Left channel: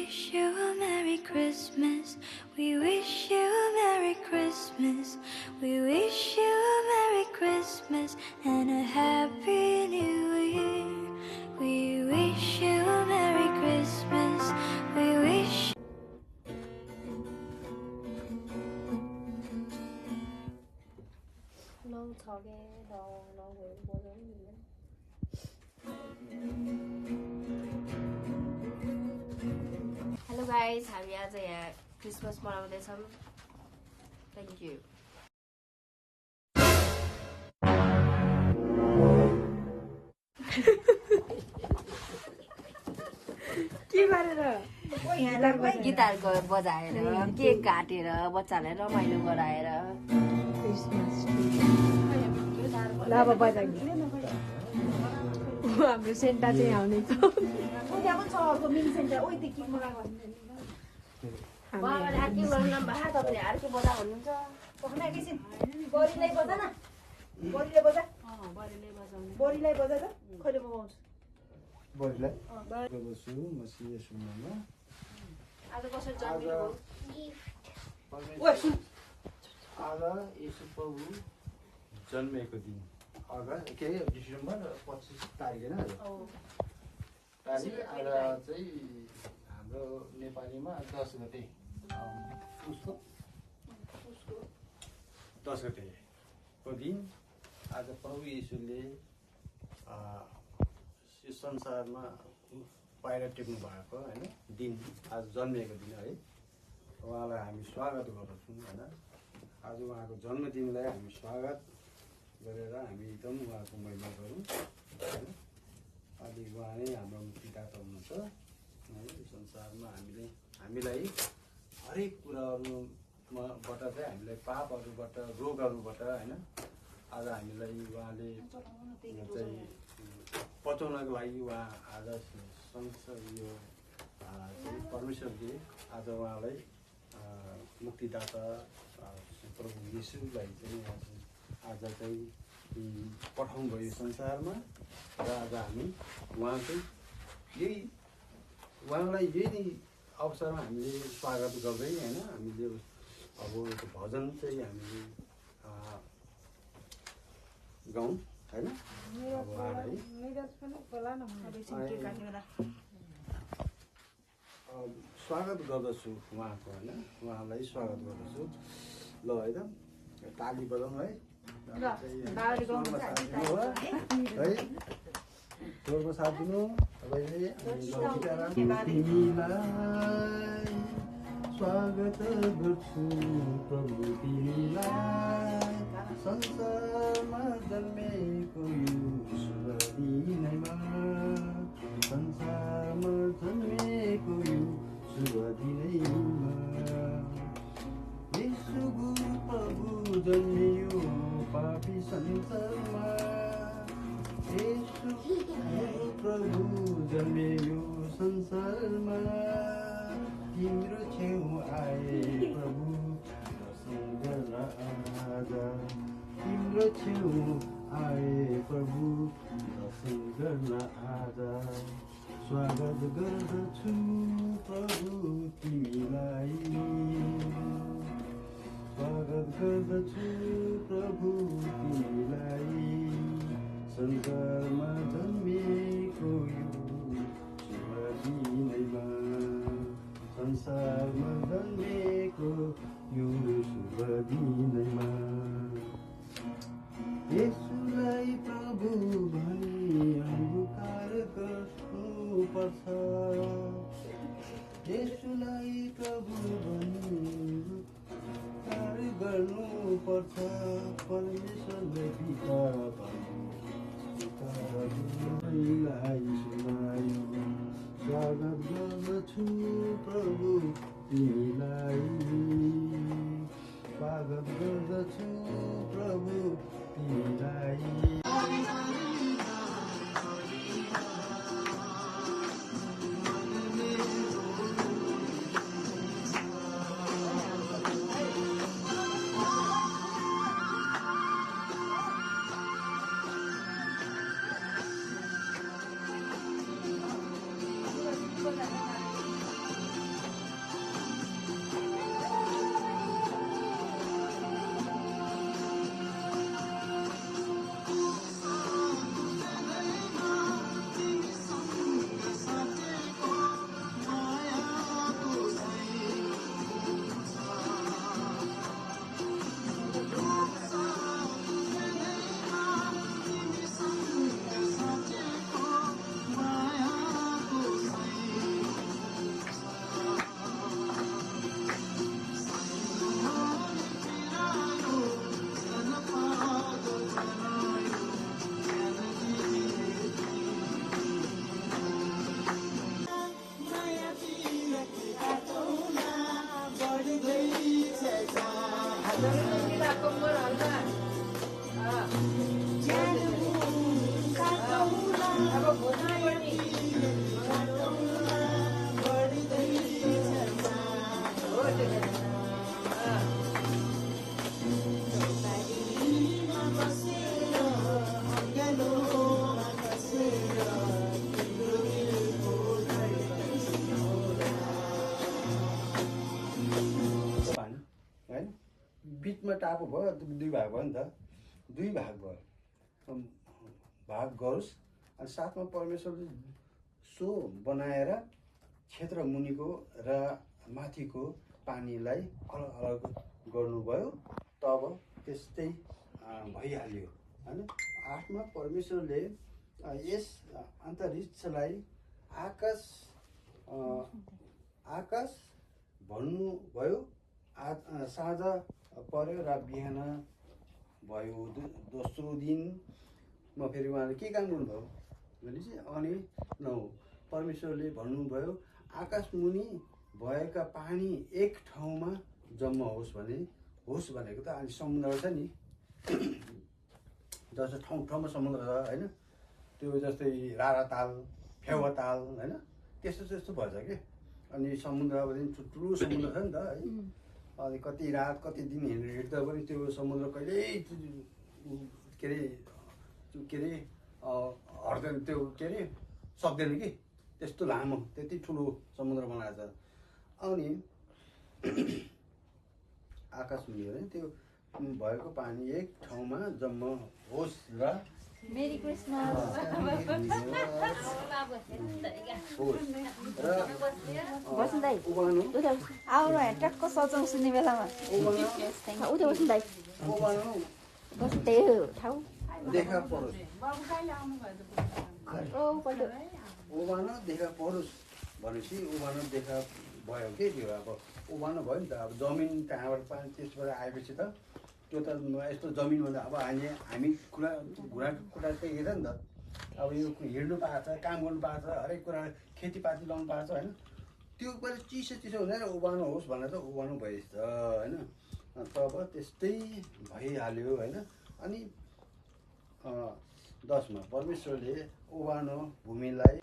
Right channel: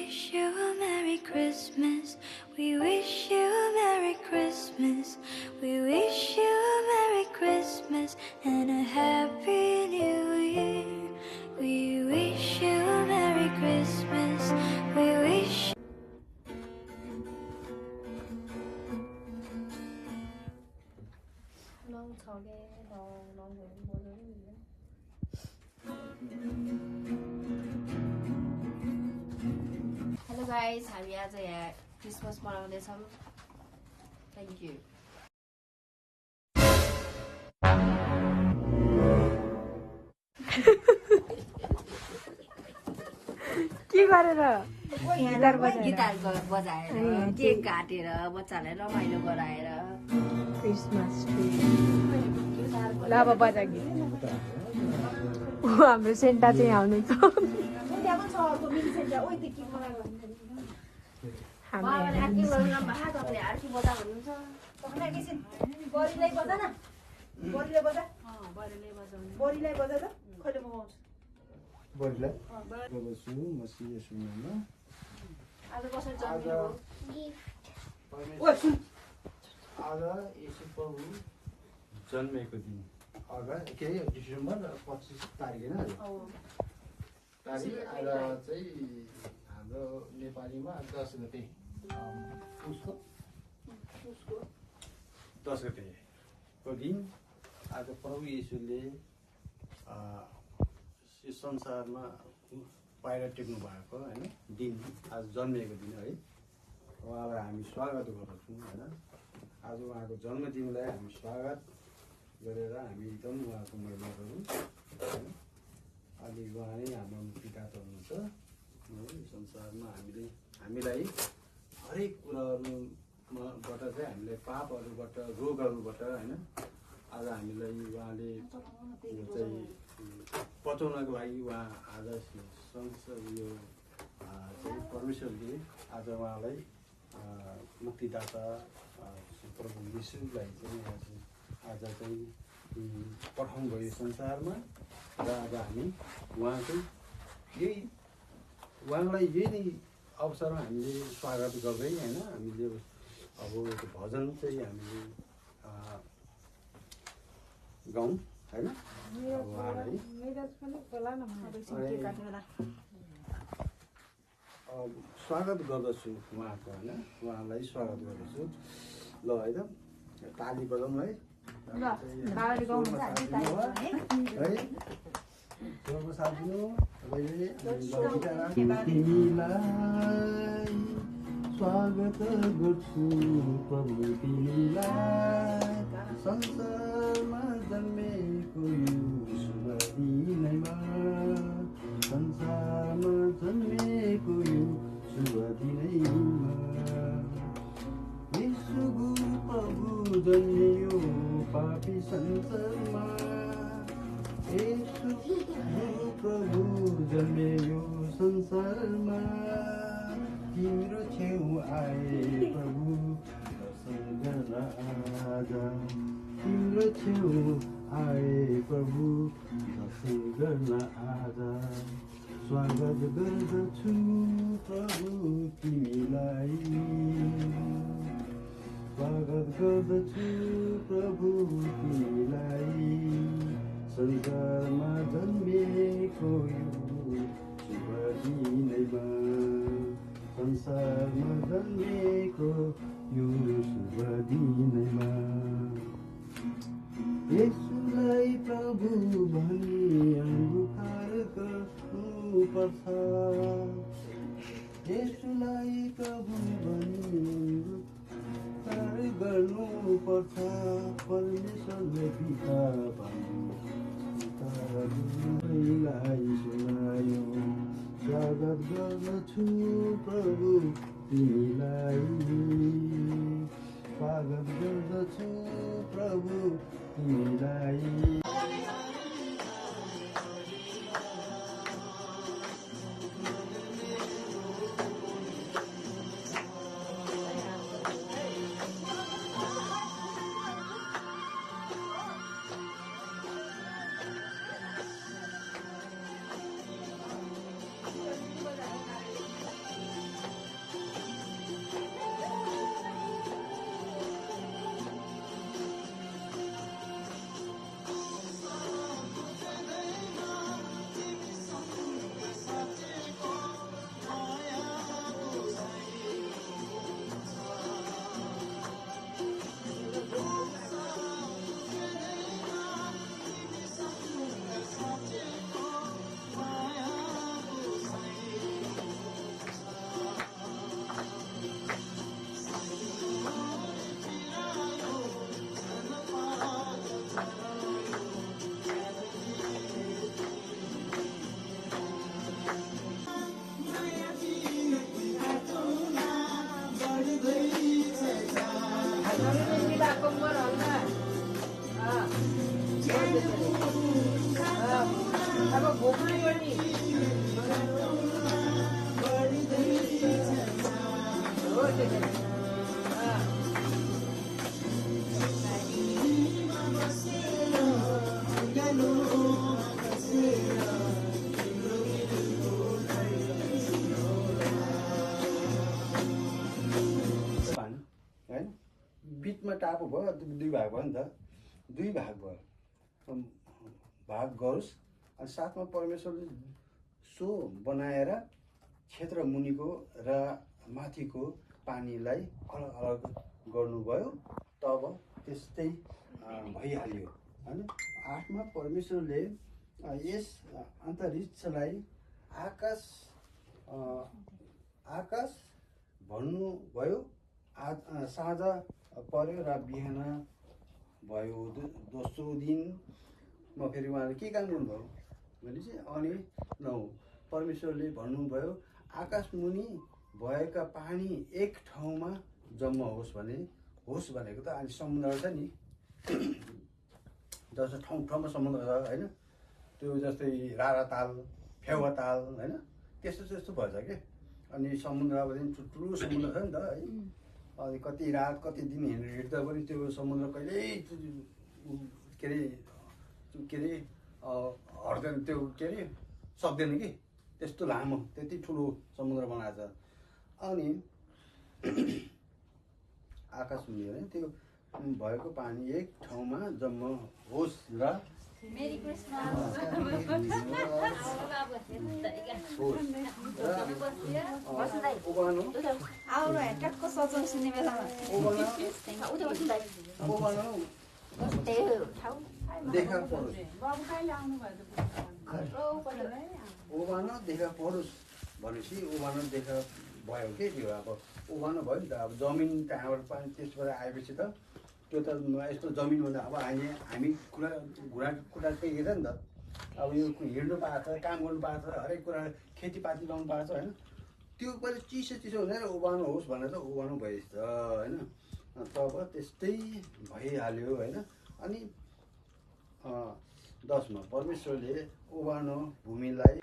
wish you a Merry Christmas. We wish you a Merry Christmas. We wish you a Merry Christmas and a Happy New Year. We wish you a Merry Christmas. We wish. Hello guys, हामी आज यहाँ Christmas मनाउँदैछौँ. Thank you. के गरेर guitar बजाएर cake काटेर बच्चालाई रमाइलो गराएर क्रिसमस ल अब बजा गीत हाम्रो सेन्टा चाहिँ आउने छ आज यसो प्रभु जन्मेको दिन के डिसेम्बर 25 तारिक होइन तारिक आज चाहिँ हाम्रो नेपालीमा 10 गते गतेको दिन आज प्रभु येशूले संसारमा पाइला टेक्नु भएको होइन दिन आज जन्मिएको दिन है उहाँलाई हामी स्वागत गर्दछौँ होइन आज उहाँको जन्मदिनलाई हामी स्वागत गरेर हामी एकदम उहाँको महिमा गरौँ होइन अनि उहाँ नै हाम्रो मुक्तिदाता हुनुहुन्छ है संसारमा हामीलाई हरेक कुराहरूबाट चाहिँ हामीलाई पापहरूबाट रोगहरूबाट होइन आज हामीलाई उहाँले चाहिँ बचाउनको लागि उहाँ आज संसार यो चाहिँ परमेश्वरले आज उहाँलाई मुक्तिदाता प्रभु येशूलाई चाहिँ आज चाहिँ पठाउनु भयो संसारमा र आज हामी उहाँकै उहाँलाई यही नै अवसरमा हामीले स्वागत गर्दै होइन हामीले अब यो भजन चाहिँ हामीले गाउँ होइन उहाँलाई स्वागत गर्दछु उहाँको होइन उहाँलाई स्वागत गर्दछु ल है त ताली बजाउँ है जोरको साथ दिनु तिमीलाई स्वागत गर्छु प्रभु तिमीलाई संसारमा जन्मेको यो शुभ दिनमा संसारमा जन्मेको यो शुभ दिनमा येशू गुरु प्रभु जन्मियो पापी संसारमा येशू गुरु प्रभु जन्मियो संसारमा तिम्रो छेउ आए प्रभु राजा तिम्रो छेउ आए प्रभु दर्शन गर्न आजा स्वागत गर्दछु प्रभु तिमीलाई स्वागत गर्दछु प्रभु तिमीलाई संसारमा जन्मिएको यो शुभ दिनमा संसारमा जन्मिएको यो शुभ दिनमा येशूलाई प्रभु भनी अंगीकार गर्नुपर्छ येशूलाई प्रभु भनी अंगीकार गर्नुपर्छ परमेश्वरले पिता भनी सुनायो स्वागत गर्दछु प्रभु तिमीलाई स्वागत गर्दछु प्रभु तिमीलाई बिचमा टापु भयो, दुई भाग भयो नि त, दुई भाग भयो, भाग गरोस्। अनि साथमा परमेश्वरले सो बनाएर क्षेत्र मुनिको र माथिको पानीलाई अलग अलग गर्नुभयो, तब त्यस्तै भइहाल्यो होइन। 8मा परमेश्वरले यस अन्तरिक्षलाई आकाश भन्नुभयो। साँझ पर्यो र बिहान भयो। दोस्रो दिनमा फेरि उहाँले के काम गर्नुभयो भने चाहिँ अनि 9 परमेश्वरले भन्नुभयो आकाश मुनि भएका पानी एक ठाउँमा जम्मा होस् भने, होस् भनेको त अनि समुद्र छ नि, जस्तो ठाउँ ठाउँमा समुद्र छ होइन, त्यो जस्तै रारा ताल, फेवा ताल होइन, त्यस्तो त्यस्तो भएछ कि। अनि समुद्र पनि ठुल्ठुलो समुद्र छ नि त है। अनि कति रात कति दिन हिँड्दा पनि त्यो समुद्र कहिल्यै के अरे हट्दैन, त्यो के अरे सक्दैन कि, त्यस्तो लामो त्यति ठुलो समुद्र बनाएको छ। अनि आकाश मुनि भने त्यो भएको पानी एक ठाउँमा जम्मा होस् र मेरी क्रिसमस देखा परोस्, ओबान देखा परोस् भनेपछि ओबान देखा भयो के त्यो अब ओबान भयो नि त। अब जमिन कहाँबाट पानी त्यसबाट आएपछि त त्यो त यस्तो जमिन भन्दा अब हामी घुँडाको कुरा चाहिँ हेर नि त। अब यो हिँड्नु पाएको छ, काम गर्नु पाएको छ, हरेक कुरा खेतीपाती लाउनु पाएको छ होइन। त्यो पहिले चिसो चिसो हुँदैन ओबानो होस् भनेर त ओबानो भएछ होइन। तब त्यस्तै भइहाल्यो होइन। अनि 10मा परमेश्वरले ओबानो भूमिलाई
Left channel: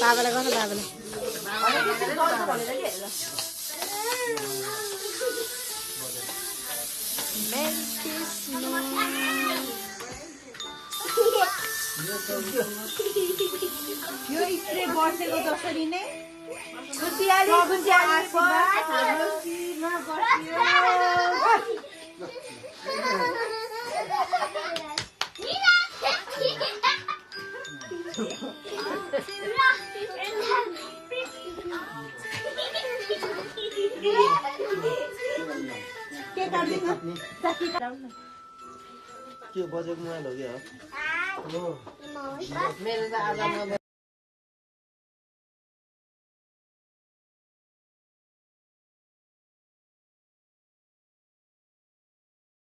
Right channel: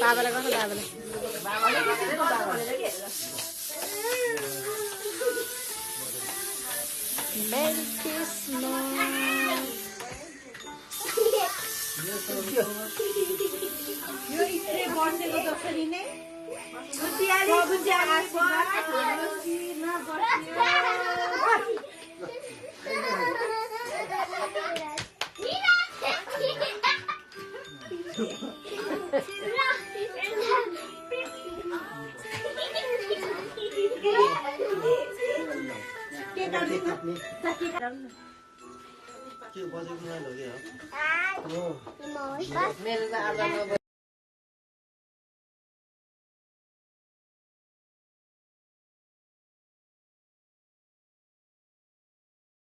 बाबालाई गर्नु, बाबालाई मेरी यो स्प्रे बसेको जसरी नै खुसियाली त्यो बजेको नभयो क्या हो।